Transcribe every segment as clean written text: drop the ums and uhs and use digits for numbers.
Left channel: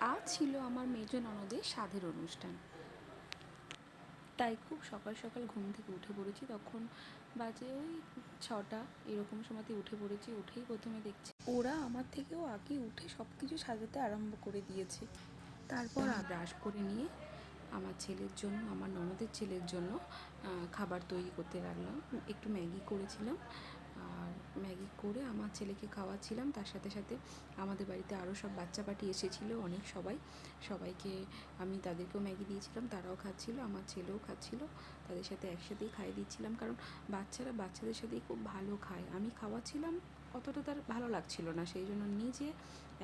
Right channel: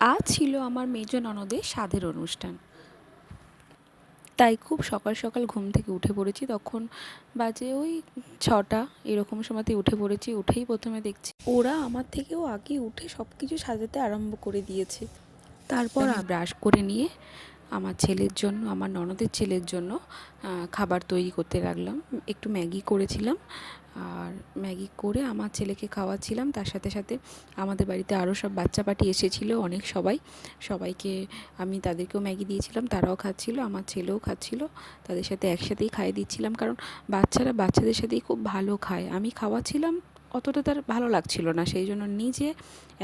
আজ ছিল আমার মেজ ননদের সাধের অনুষ্ঠান, তাই খুব সকাল সকাল ঘুম থেকে উঠে পড়েছি। তখন বাজে ওই 6টা এরকম সময়তে উঠে পড়েছি। উঠেই প্রথমে দেখছি ওরা আমার থেকেও আগে উঠে সব কিছু সাজাতে আরম্ভ করে দিয়েছে। তারপর আমি ব্রাশ করে নিয়ে আমার ছেলের জন্য, আমার ননদের ছেলের জন্য খাবার তৈরি করতে লাগলাম। একটু ম্যাগি করেছিলাম, আর ম্যাগি করে আমার ছেলেকে খাওয়াচ্ছিলাম। তার সাথে সাথে আমাদের বাড়িতে আরও সব বাচ্চা পার্টি এসেছিলো, অনেক সবাইকে আমি তাদেরকেও ম্যাগি দিয়েছিলাম, তারাও খাচ্ছিলো, আমার ছেলেও খাচ্ছিলো। তাদের সাথে একসাথেই খাইয়ে দিচ্ছিলাম, কারণ বাচ্চারা বাচ্চাদের সাথেই খুব ভালো খায়। আমি খাওয়াচ্ছিলাম, অতটা তার ভালো লাগছিল না, সেই জন্য নিজে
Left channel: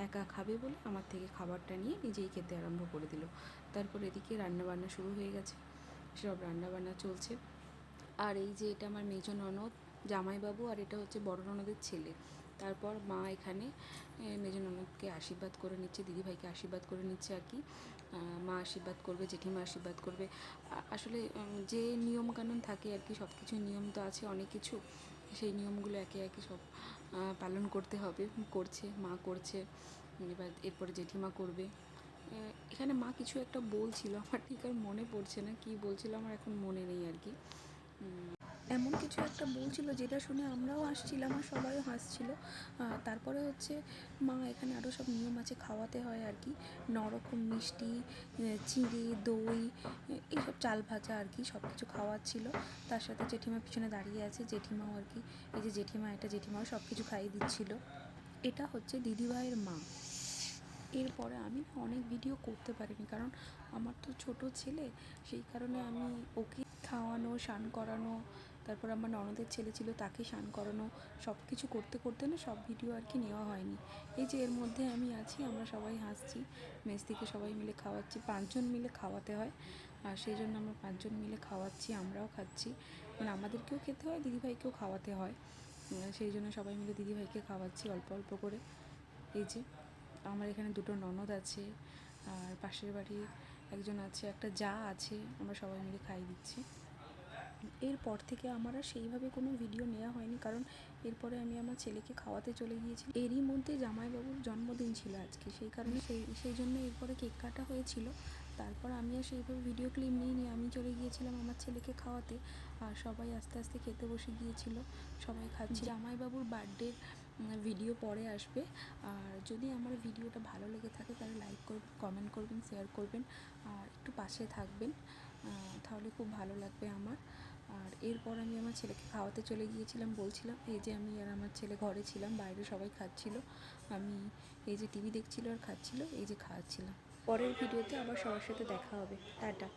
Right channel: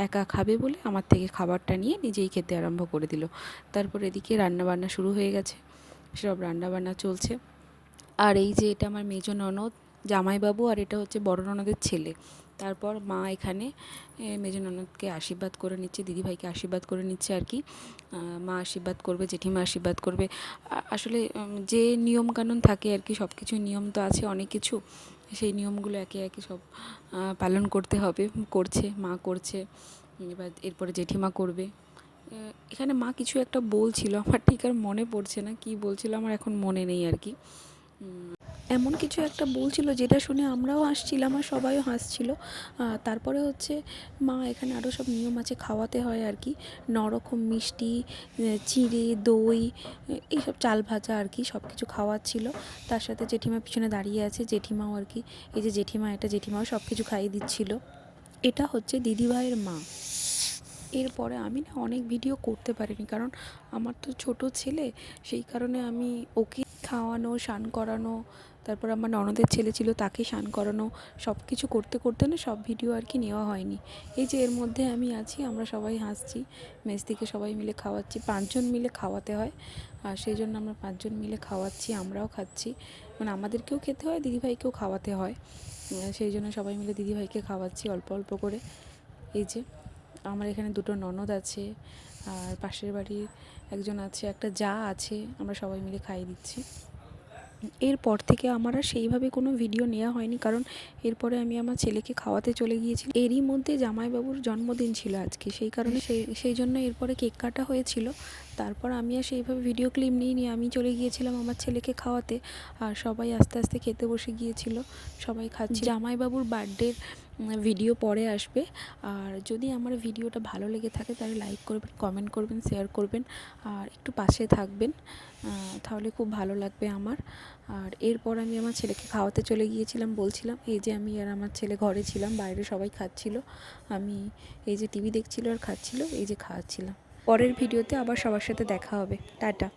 একা খাবে বলে আমার থেকে খাবারটা নিয়ে নিজেই খেতে আরম্ভ করে দিল। তারপর এদিকে রান্নাবান্না শুরু হয়ে গেছে, সব রান্নাবান্না চলছে। আর এই যে এটা আমার মেজ ননদ, জামাইবাবু, আর এটা হচ্ছে বড় ননদের ছেলে। তারপর মা এখানে মেজ ননদকে আশীর্বাদ করে নিচ্ছে, দিদিভাইকে আশীর্বাদ করে নিচ্ছে আর কি। মা আশীর্বাদ করবে, জেঠিমা আশীর্বাদ করবে। আসলে যে নিয়মকানুন থাকে আর কি, সব কিছু নিয়ম তো আছে অনেক কিছু, সেই নিয়মগুলো একে একে সব পালন করতে হবে। করছে, মা করছে, এবার এরপরে জেঠিমা করবে। এখানে মা কিছু একটা বলছিল, আমার ঠিক আর মনে পড়ছে না কী বলছিল, আমার এখন মনে নেই আর কি। এমন কিছু একটা বলছিল যেটা শুনে আমরাও হাসছিলাম আর সবাইও হাসছিল। তারপরে হচ্ছে মা এখানে আরও সব নিয়ম আছে, খাওয়াতে হয় আর কি। 9 রকম মিষ্টি, চিঁড়ে, দই, এইসব চাল ভাজা আর কি, সব কিছু খাওয়াচ্ছিল। তার সাথে জেঠিমা পিছনে দাঁড়িয়ে আছে, জেঠিমাও আর কি, এই যে জেঠিমা, এটা জেঠিমাও সব কিছু খাইয়ে দিচ্ছিল। এটা হচ্ছে দিদিভাইয়ের মা। এরপরে আমি না অনেক ভিডিও করতে পারিনি, কারণ আমার তো ছোট ছেলে, সেই কারণে আমি ওকে খাওয়ানো, স্নান করানো, তারপর আমার ননদের ছেলে ছিল তাকে স্নান করানো, সব কিছু করতে করতে না সব ভিডিও আর কি নেওয়া হয়নি। এই যে এর মধ্যে আমি আছি, আমরা সবাই হাসছি, মেস থেকে সবাই মিলে খাওয়াচ্ছি, 5 জন মিলে খাওয়াতে হয়, আর সেই জন্য আমরা 5 জন মিলে খাওয়াচ্ছি, আমরাও খাচ্ছি, মানে আমাদেরকেও খেতে হয়, দিদিভাইকেও খাওয়াতে হয়, সেই জন্য সবাই মিলে দিদিভাইকে খাওয়াচ্ছি অল্প অল্প করে। এই যে আমার এখানে 2টো ননদ আছে, আর পাশের বাড়ির একজন আছে, একটা জা আছে, আমরা সবাই মিলে খাইয়ে দিচ্ছি। এরপর থেকে আমার আর সেইভাবে কোনো ভিডিও নেওয়া হয়নি, কারণ এরপরে আমি আমার ছেলেকে খাওয়াতে চলে গিয়েছিলাম। এরই মধ্যে জামাইবাবুর জন্মদিন ছিল আজকে, সেই কারণে সেই জন্য এরপরে কেক কাটা হয়েছিল। তারপর আমি আর সেইভাবে ভিডিও ক্লিপ নিয়ে আমি চলে গিয়েছিলাম আমার ছেলেকে খাওয়াতে, আর সবাই আস্তে আস্তে খেতে বসে গিয়েছিল, সবাই খাচ্ছে। জামাইবাবুর বার্থডের ভিডিও পরে আসবে, আর যদি আমার ভিডিওটা ভালো লেগে থাকে তাহলে লাইক করবেন, কমেন্ট করবেন, শেয়ার করবেন, আর একটু পাশে থাকবেন, তাহলে খুব ভালো লাগবে আমার। আর এরপর আমি আমার ছেলেকে খাওয়াতে চলে গিয়েছিলাম, বলছিলাম এই যে আমি আর আমার ছেলে ঘরে ছিলাম, বাইরে সবাই খাচ্ছিল, আমি এই যে টিভি দেখছিল আর খাচ্ছিল, এই যে খাওয়াচ্ছিলাম। পরের ভিডিওতে আবার সবার সাথে দেখা হবে। টাটা।